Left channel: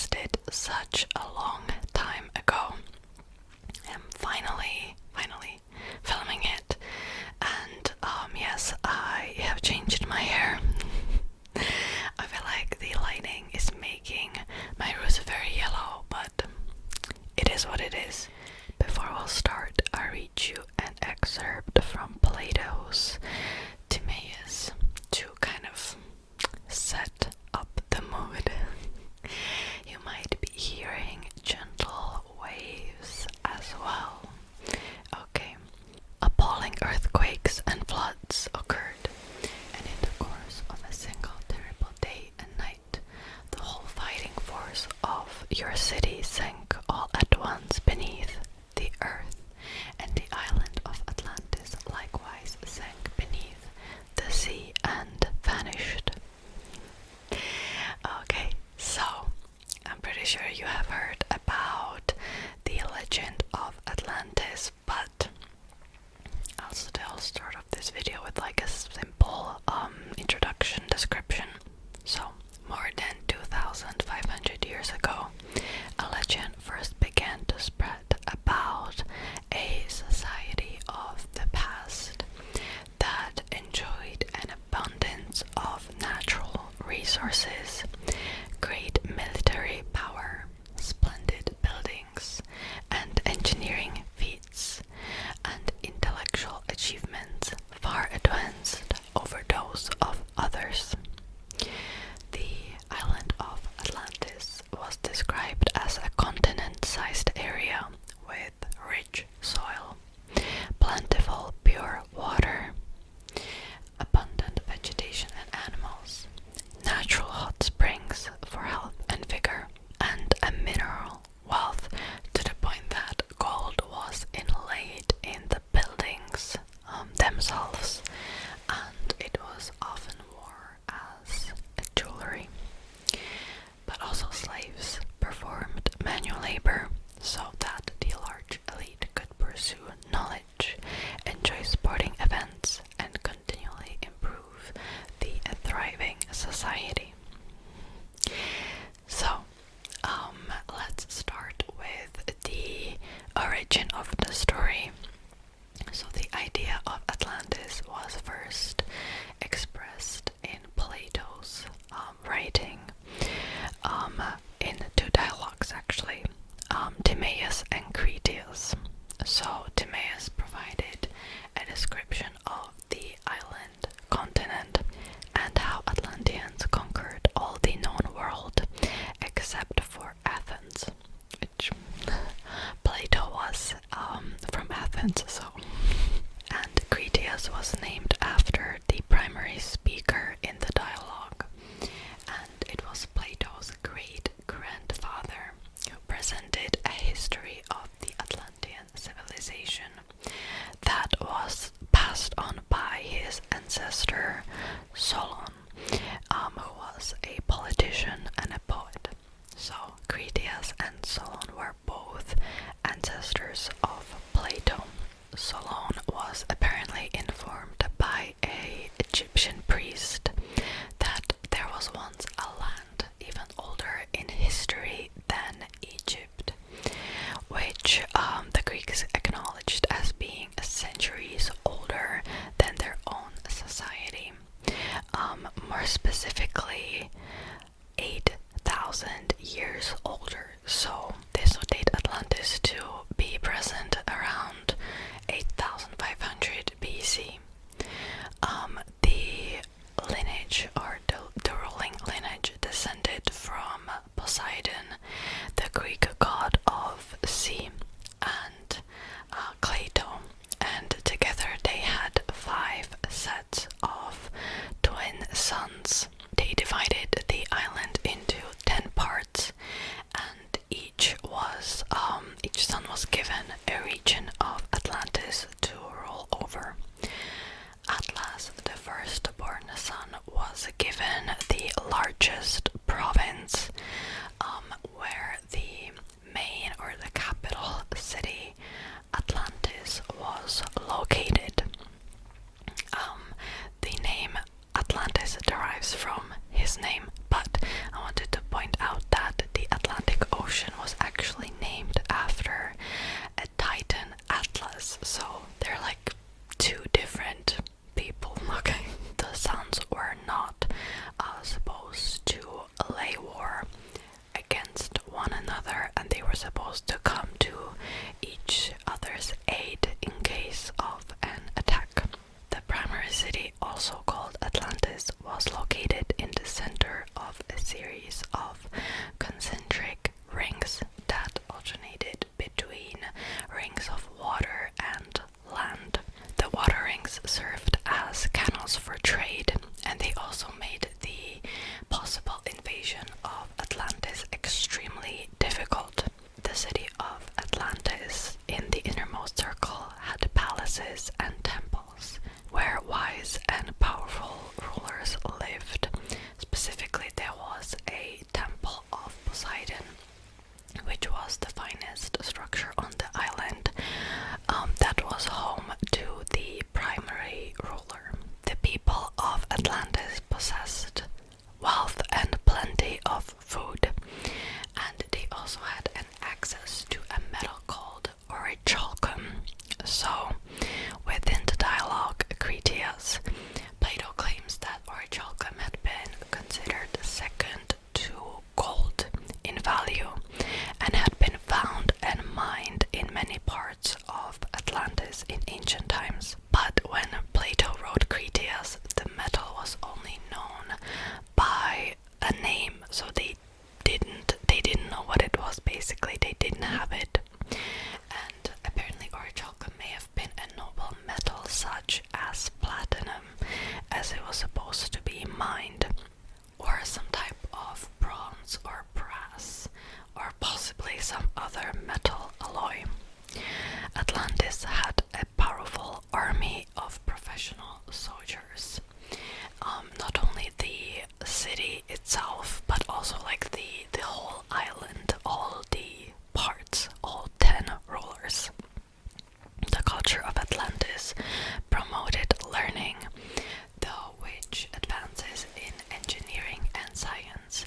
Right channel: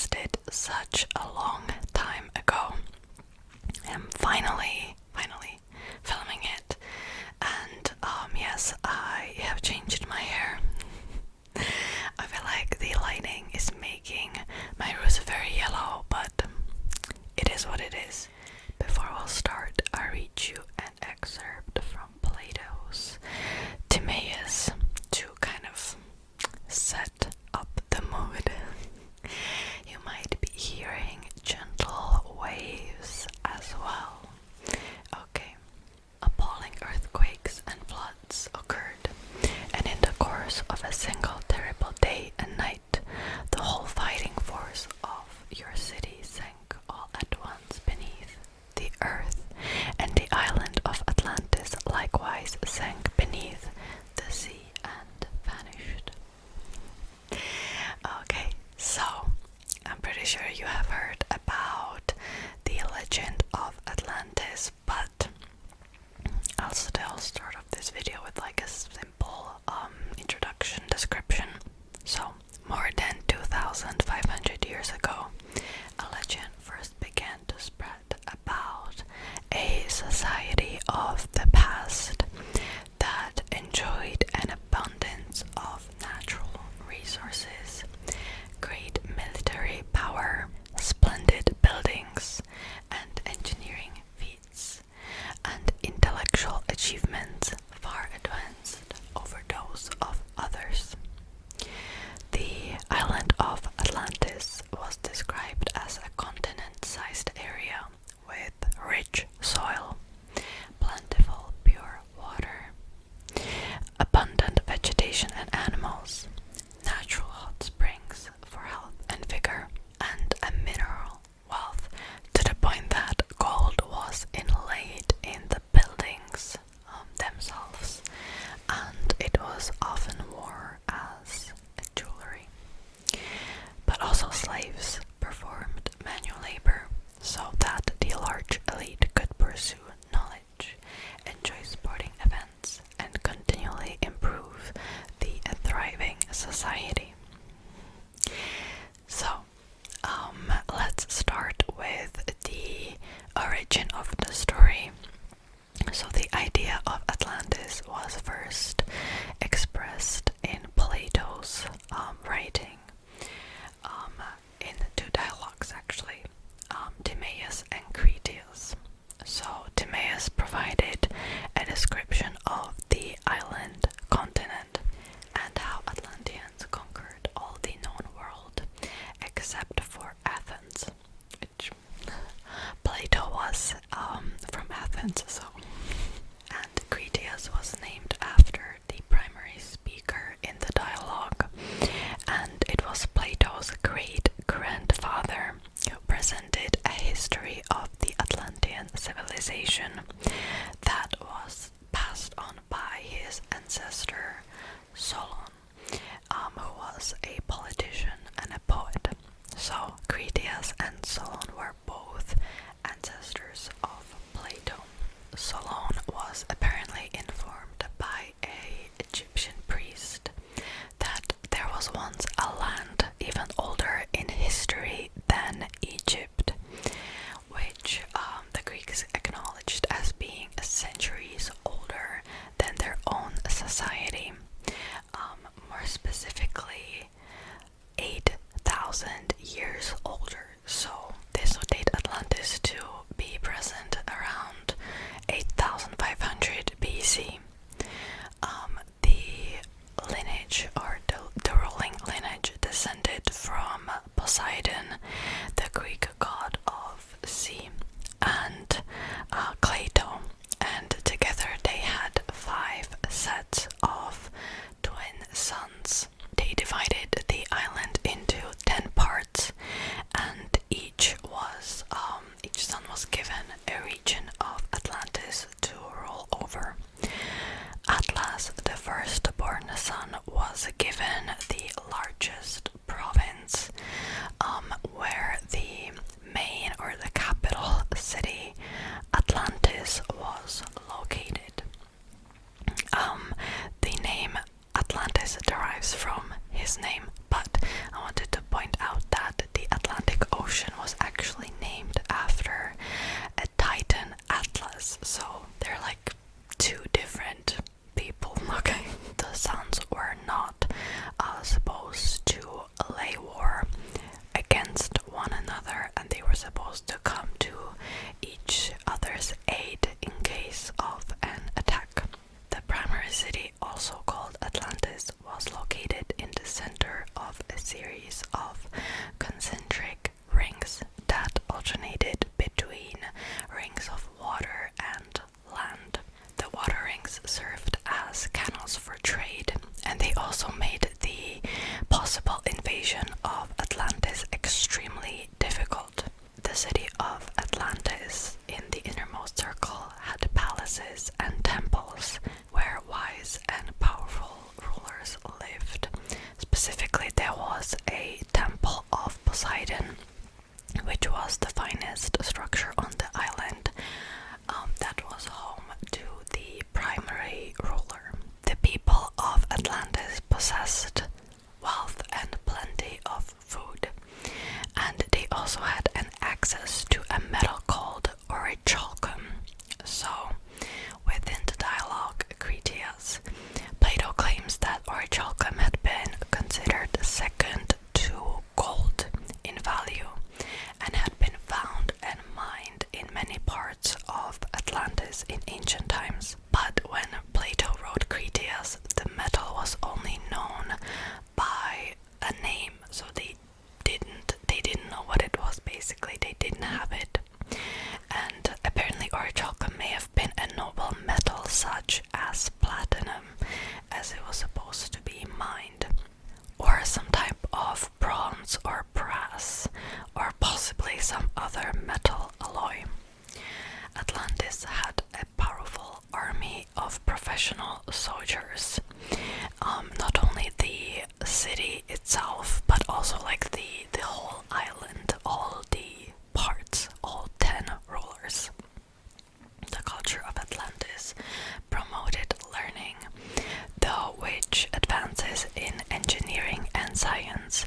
requested such a long time ago. I'm finally filming it, and yes, I have changed my hair. I feel like the lighting is making my roots very yellow, but it is what it is. Before we'll start, I read you an excerpt from Plato's Timaeus to kind of set up the mood. You might be hearing gentle waves as well. Okay. Appalling earthquakes and floods occurred, and in the course of a single terrible day and night, the whole fighting force of your city sank all at once beneath the earth, and the island of Atlantis likewise sank beneath the sea and vanished. Okay, so I'm pretty sure you have heard about the legend of Atlantis, but I'll still start off this video with like a simple introduction description. So, more than 2,500 years ago, a legend first began to spread about a society of the past that enjoyed an abundance of natural resources, great military power, splendid buildings, and engineering feats, and intellectual achievements far advanced over those of others. The island of Atlantis was described as a continent-sized area with rich soil, plentiful pure water, abundant vegetation and animals, natural hot springs for health and vigor, and a mineral wealth to the point that gold was inlaid in the buildings themselves, and it was often worn as a jewelry. But also slaves performed manual labor so that the large elite could pursue knowledge, enjoy sporting events, and continually improve the thriving society. So, let's start with the origin of the story. So the idea of Atlantis was first expressed in Plato's writing, in two dialogues actually, Timaeus and Critias. So Timaeus provided a description of the island continent and how Atlanteans conquered all the known world except for Athens, which Plato was from Athens, so. And Critias was named after the primary speaker in the dialogue, and it was Plato's great-grandfather who presented a history of the Atlantean civilization that was passed on by his ancestor Solon, who was a politician and a poet. So Critias and Solon were both ancestors of Plato. Solon was apparently informed by an Egyptian priest that there was once a land even older in history than Egypt, which the Greeks acknowledged as being centuries older than their own society. More specifically, 8,000 years older. So this would date Atlantis to be present around 8,500 BC. The lineage, or the ruling lineage, descended from Poseidon, the Greek god of sea, and Cleito, and together they had 5 sets of twin sons. They divided the island into 10 parts, and each supposed to come to each other's aid in case of an attack. The primary city, also called Atlantis, was located in the center of a series of concentric rings that alternated between rings of water and land. The water rings served as canals for trade, and they also made the possible invasion of Atlantis extremely difficult. The city of Atlantis in the innermost circle had palaces and temples where wise and powerful rulers lived. Specifically, there was a temple of Poseidon, which was the finest structure on the island, that was home to the primary ruler. The people of Atlantis possessed wealth and plenty of food, and they also had an access to a metal called orichalcum. So, within the dialogue Critias, Plato claims that orichalcum had been considered second to gold in value and had been found and mined in many parts of Atlantis in ancient times. But when Plato wrote Critias, the metal was only known by a name, so they didn't know what it was. Basically, they didn't have it. And apparently orichalcum may have been a noble metal such as platinum, as it was supposed to be mined, or some type of bronze or brass, or possibly some other metal alloy. Atlantis had a powerful army of professional soldiers. Not only the city itself, but also like the whole island, all the parts, all 10 rulers. The culture of Atlantis promoted learning, though which advances in engineering and science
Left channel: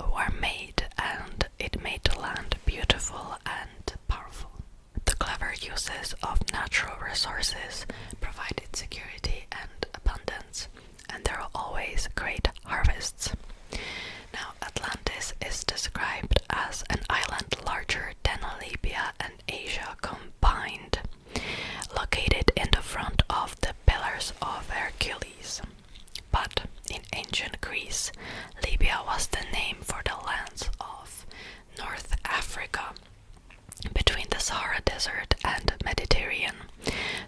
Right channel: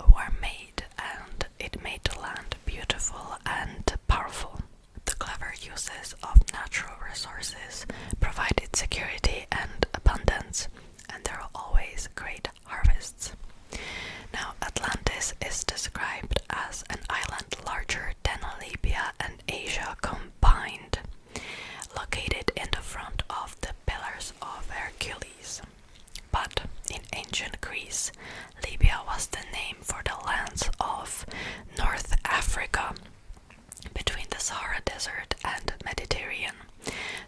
were made, and it made the land beautiful and powerful. The clever uses of natural resources provided security and abundance, and there were always great harvests. Now, Atlantis is described as an island larger than Libya and Asia combined, located in the front of the Pillars of Hercules. But in ancient Greece, Libya was the name for the lands of North Africa, between the Sahara Desert and Mediterranean.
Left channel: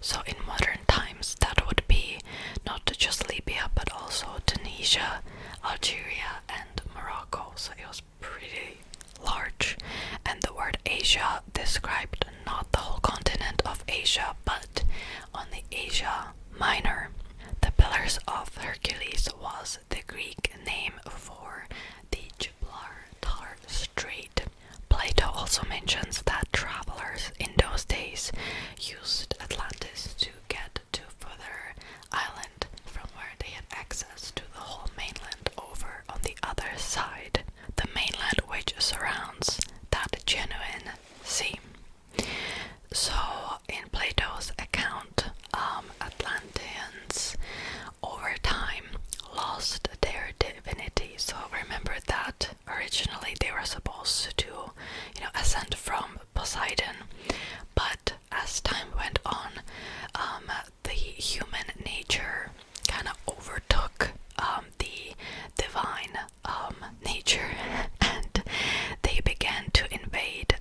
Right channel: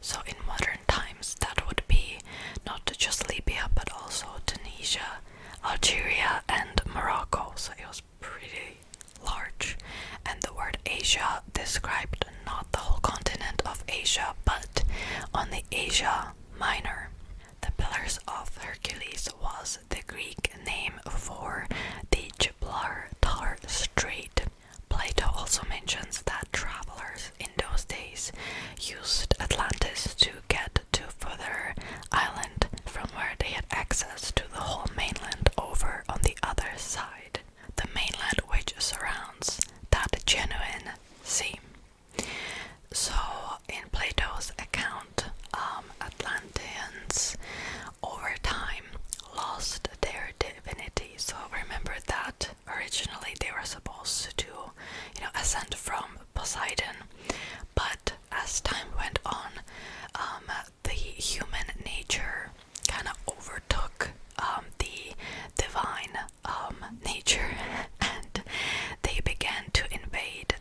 So in modern times, that would be not just Libya, but also Tunisia, Algeria, and Morocco. So it was pretty large. And the word Asia described not the whole continent of Asia, but only Asia Minor. The Pillars of Hercules was the Greek name for the Gibraltar Strait. Plato also mentions that travelers in those days used Atlantis to get to further island from where they had access to the whole mainland over on the other side, the mainland which surrounds that genuine sea. So in Plato's account, Atlanteans over time lost their divinity. So remember that originally they were supposed to, ascend from Poseidon, but as time went on, the human nature kind of overtook the divine nature, and they began to invade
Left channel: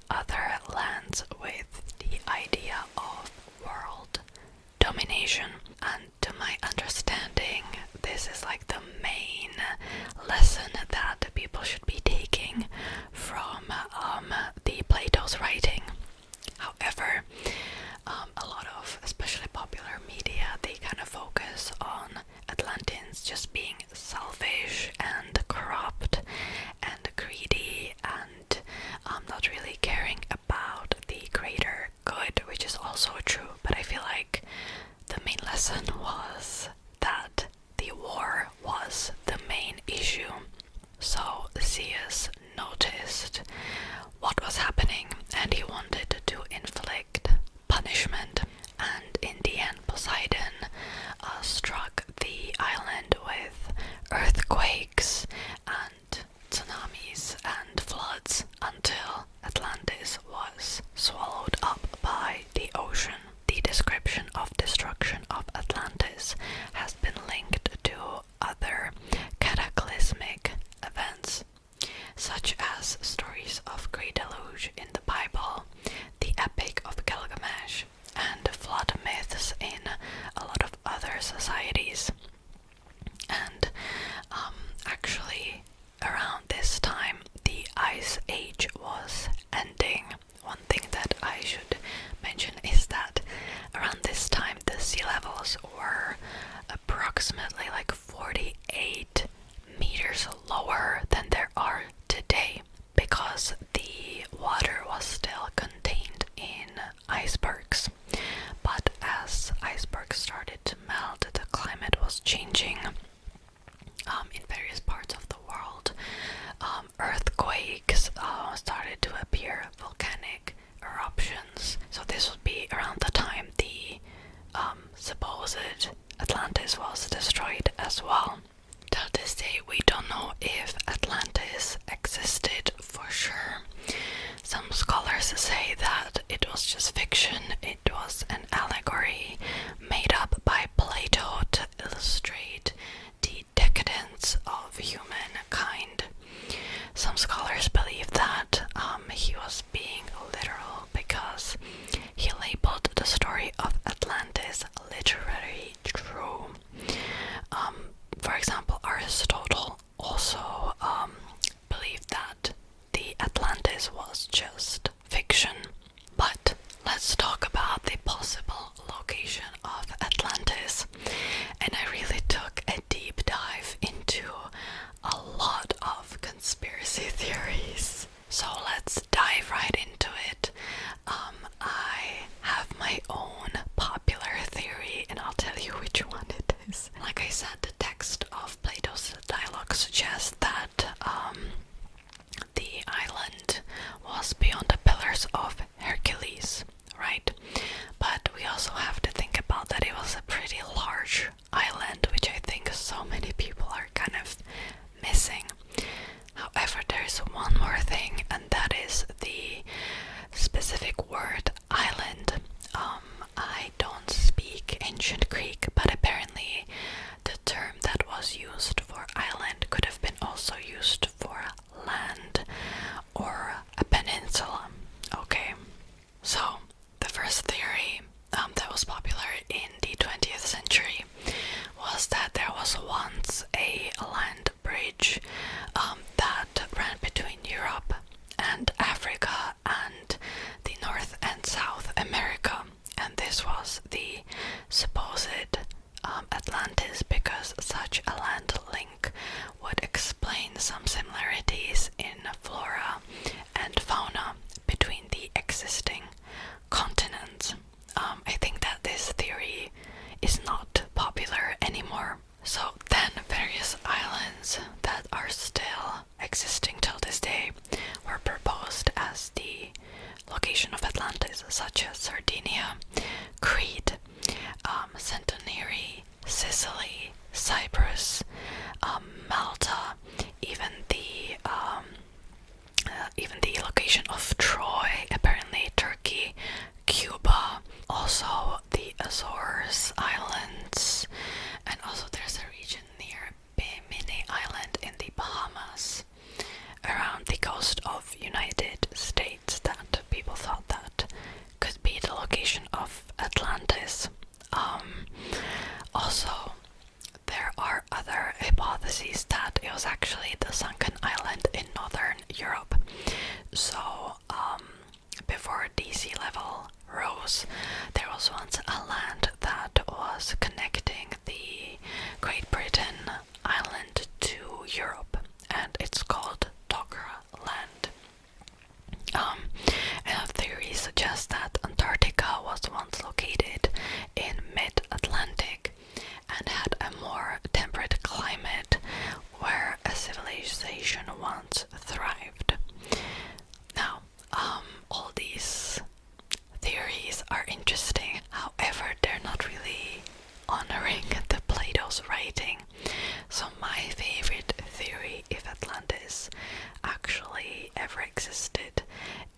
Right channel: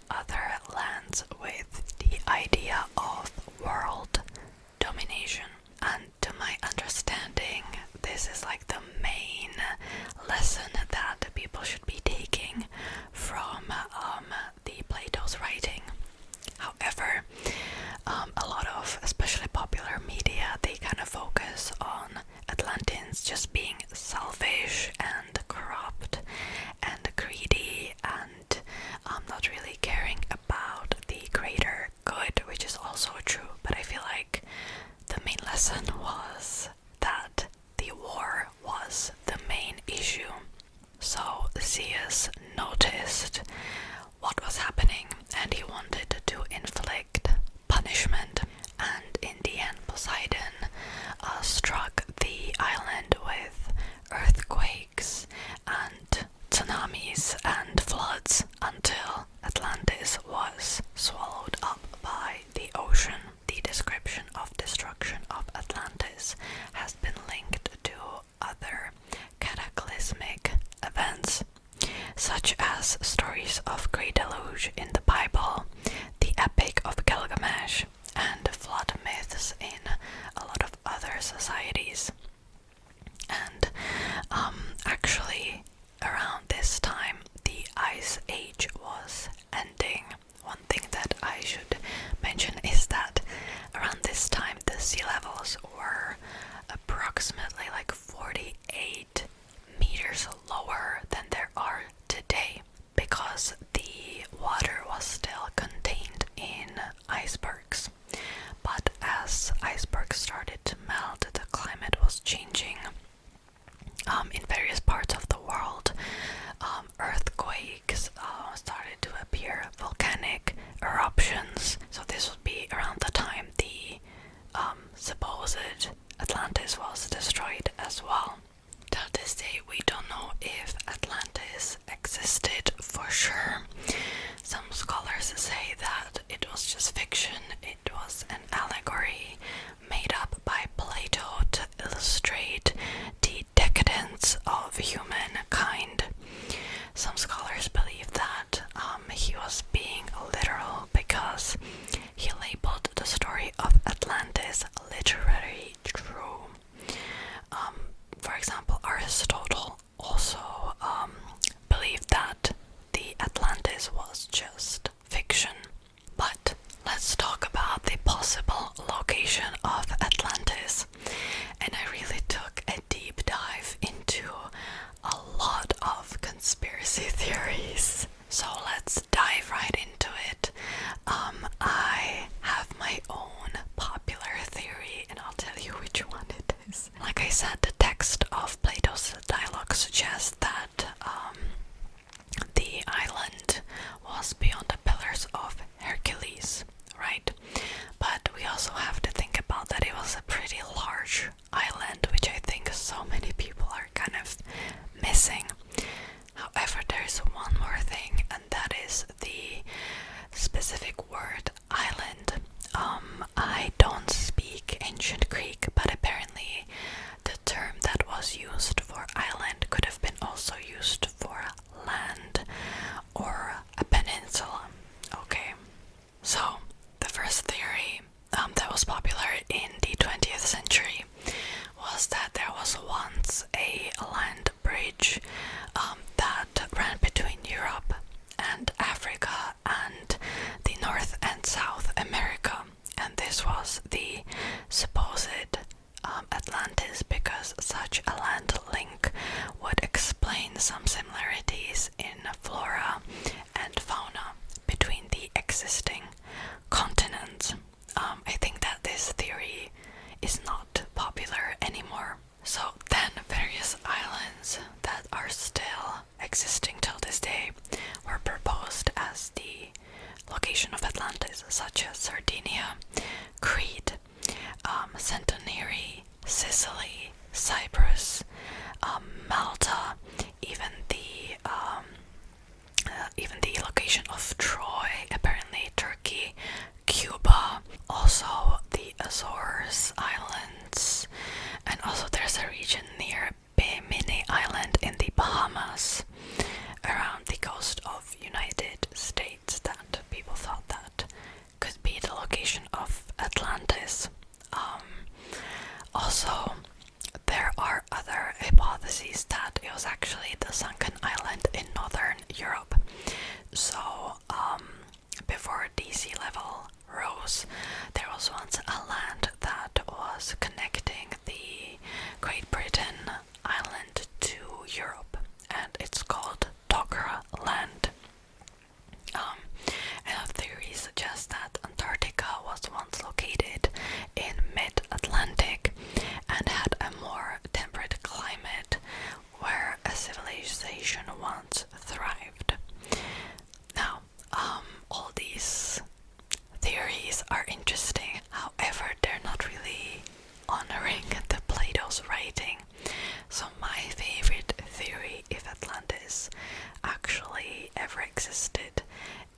stories of Great Deluge in the Bible, the Epic of Gilgamesh, and flood myths in a lot of other societies. And actually, around this time, the Ice Age was ending. One thing that I should mention is that around this time, the sea levels were approximately like 48 meters lower than there are today, because the water was still contained in icebergs. But as icebergs started to melt, the climate was changing in various parts of the world. Earthquakes started to appear, volcanic eruptions. So this would be around the time the supposed Atlantis was destroyed as well. Till this day, we don't know if Atlantis existed for sure. Some scholars say that it was just fiction, it was an allegory made up by Plato to illustrate the decadence of humankind. Some scholars believe that he was being literal because he labeled the story of Atlantis literally true. For example, Aristotle also believed that the Atlantis was just fiction. But let's talk about the possible location of Atlantis. And I really took a deep dive into a lot of conspiracy theories. So let's dive right into it. I have my own popular theory, and I'll tell you which one it is. Like I said, the text of Plato's dialogue suggests that the island was beyond the Pillars of Hercules, right? But we also have to think about that it was a pretty large island, which I think so many people are kind of missing. However, there's one more thing, and that is the specific word island. I don't speak ancient Greek, but apparently the term that was used for island could have been also used for land or a peninsula. Okay, so the first theory that was popular in the 20th century was that there was once a land bridge that ran between Europe and Africa and the North and South America, and this was the supposed Atlantis, because such a land link would explain some similarities in flora and fauna between the existing continents. I think that this theory is not popular anymore. So then various islands that are still existing till this day were proposed as the location of Atlantis, such as Sardinia, Crete, Santorini, Sicily, Cyprus, Malta, even the location of Troy, apparently Turkey, Cuba, also the Azores Islands, and also there's a region near Bimini Island in the Bahamas, around the coast of United States, that people thought that could be the location of Atlantis. Also, there are other hypotheses that it was actually the sunken island in northern Europe. So, before the sea level rose, there was once a land that was connecting the Great Britain island to Europe, and it's called Dogger Land. And theories suggest that Antarctica was once located in mid-Atlantic and had a more temperate climate where a civilization once thrived. Now, all these theories are interesting, however, they're not really honoring the Plato's writing. So my favorite theory, if Atlantis actually ever existed,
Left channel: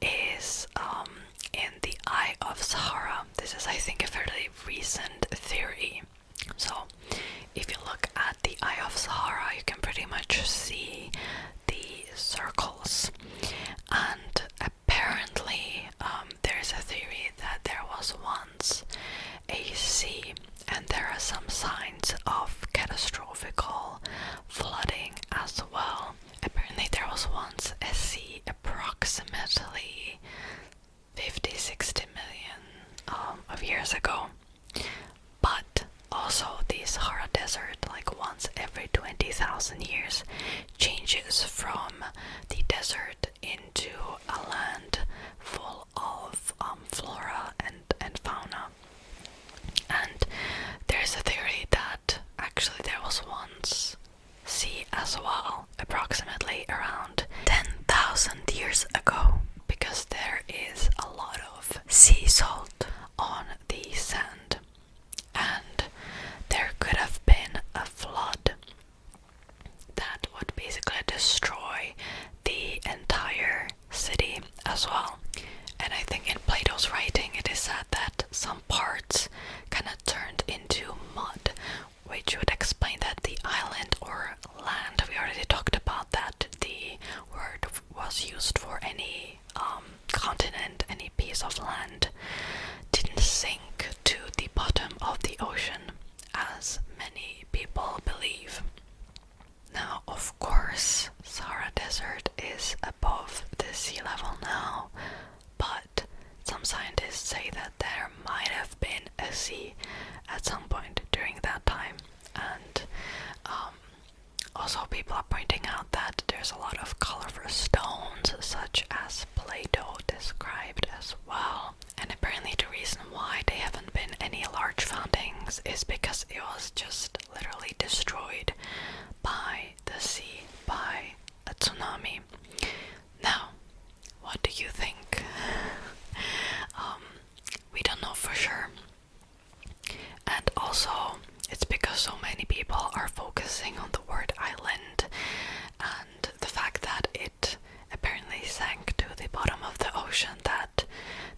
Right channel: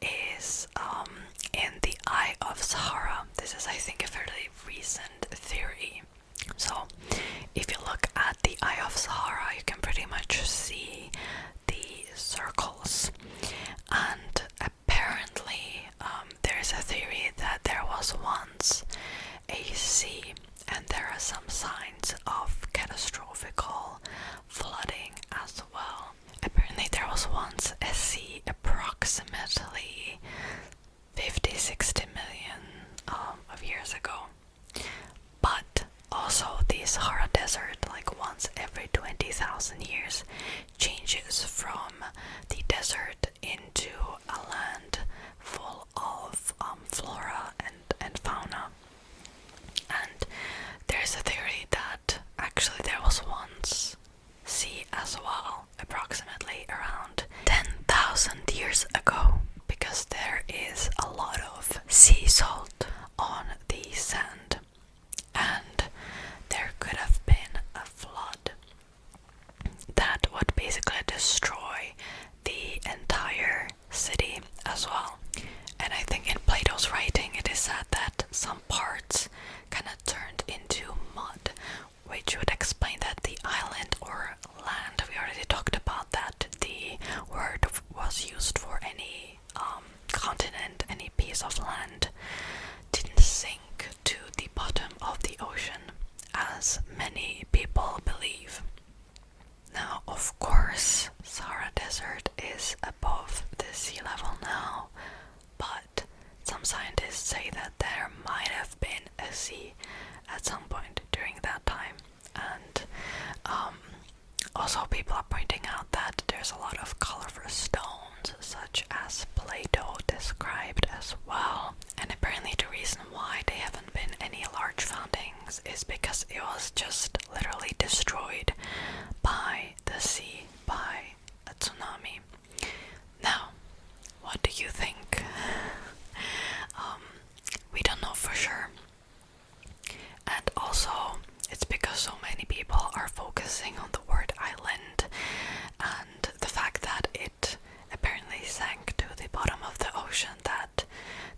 is in the Eye of Sahara. This is, I think, a fairly recent theory. So if you look at the Eye of Sahara, you can pretty much see the circles, and sea, and there are some signs of catastrophical flooding as well. Apparently there was once a sea approximately 50-60 million of years ago, but also the Sahara Desert, like once every 20,000 years, changes from the desert into a land full of flora and fauna. And there's a theory that actually there was once sea as well, approximately around 10,000 years ago, because there is a lot of sea salt on the sand, and there could have been a flood that would basically destroy the entire city as well. And I think in Plato's writing it is said that some parts kind of turned into mud, which would explain that the island or land, we already talked about that the word was used for any continent, any piece of land, didn't sink to the bottom of the ocean as many people believe. Now, of course, Sahara Desert is above the sea level now, but some scientists say that there might have been a sea at some point during that time. And also people are pointing out that there's a lot of colorful stones, such as Plato described as well. And apparently the reason why there haven't been any large foundings is because it was just literally destroyed by the sea, by a tsunami. Now, what do you think? We don't know for sure. And also, it's because so many people are focusing on the word island and the fact that it apparently sank to the bottom of the ocean that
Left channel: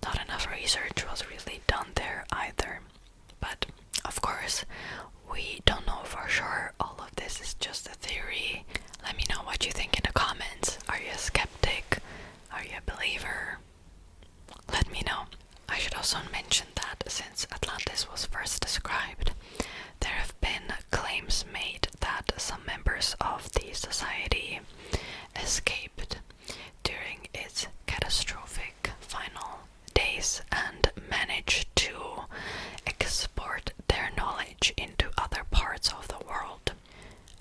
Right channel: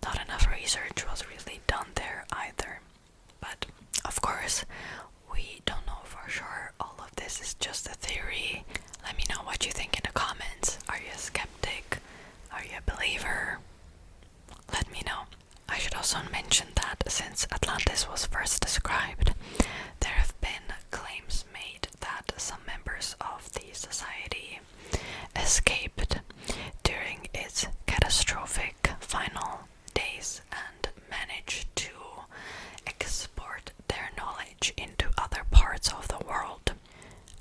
not enough research was really done there either. But of course, we don't know for sure. All of this is just a theory. Let me know what you think in the comments. Are you a skeptic? Are you a believer? Let me know. I should also mention that since Atlantis was first described, there have been claims made that some members of the society escaped during its catastrophic final days and managed to export their knowledge into other parts of the world,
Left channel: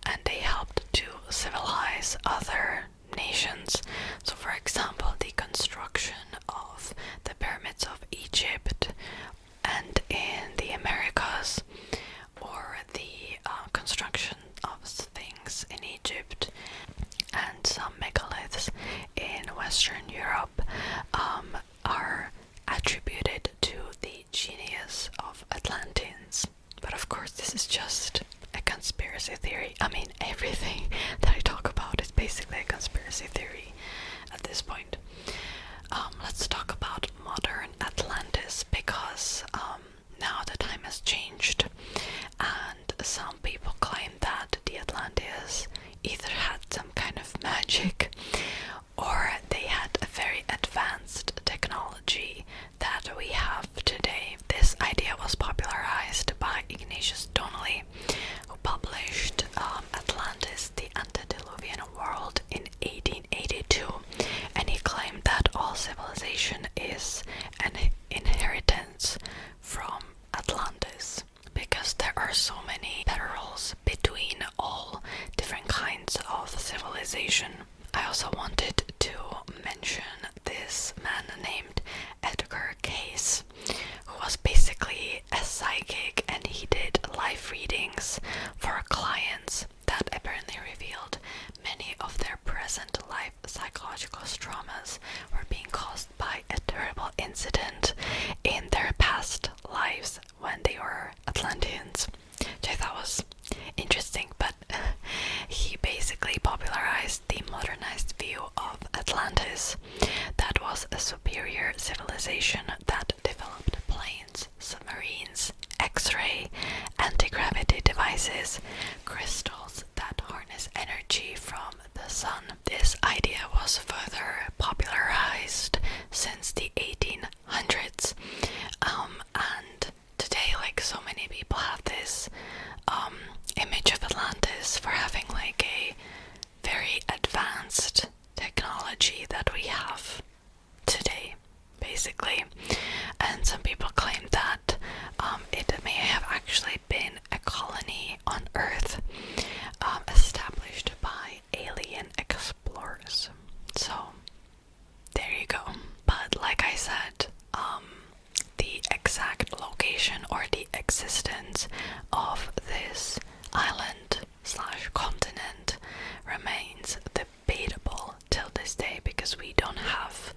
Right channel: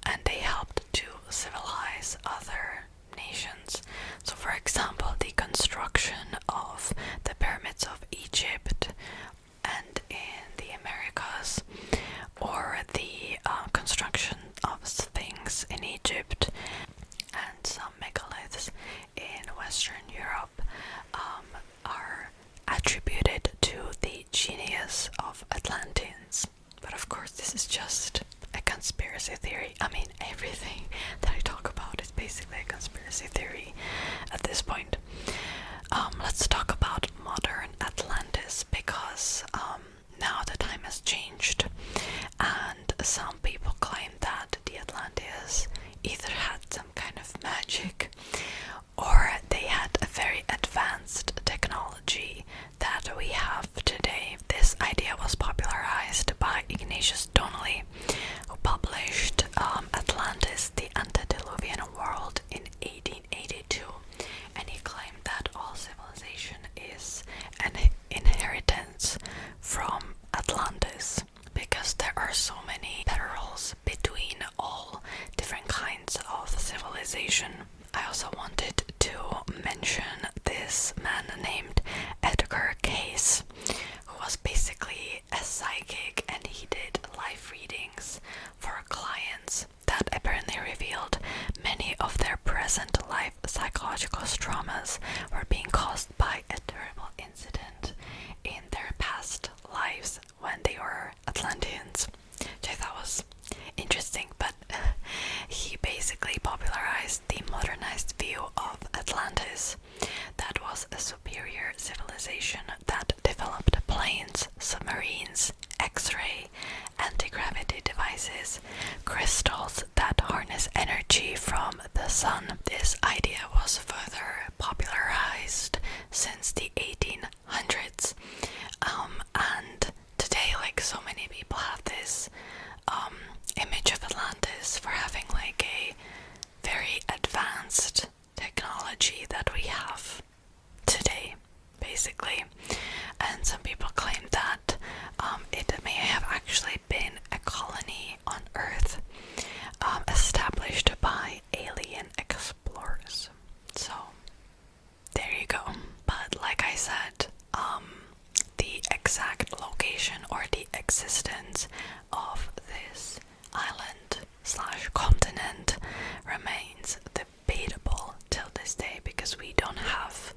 and they helped to civilize other nations. So for example, the construction of the pyramids of Egypt and in the Americas basically. And some people claim that it may have actually been a colony on Earth established by alien explorers. So there you go. But like I said, the exact location or the existence of this island slash continent remains debatable till this day, because we don't have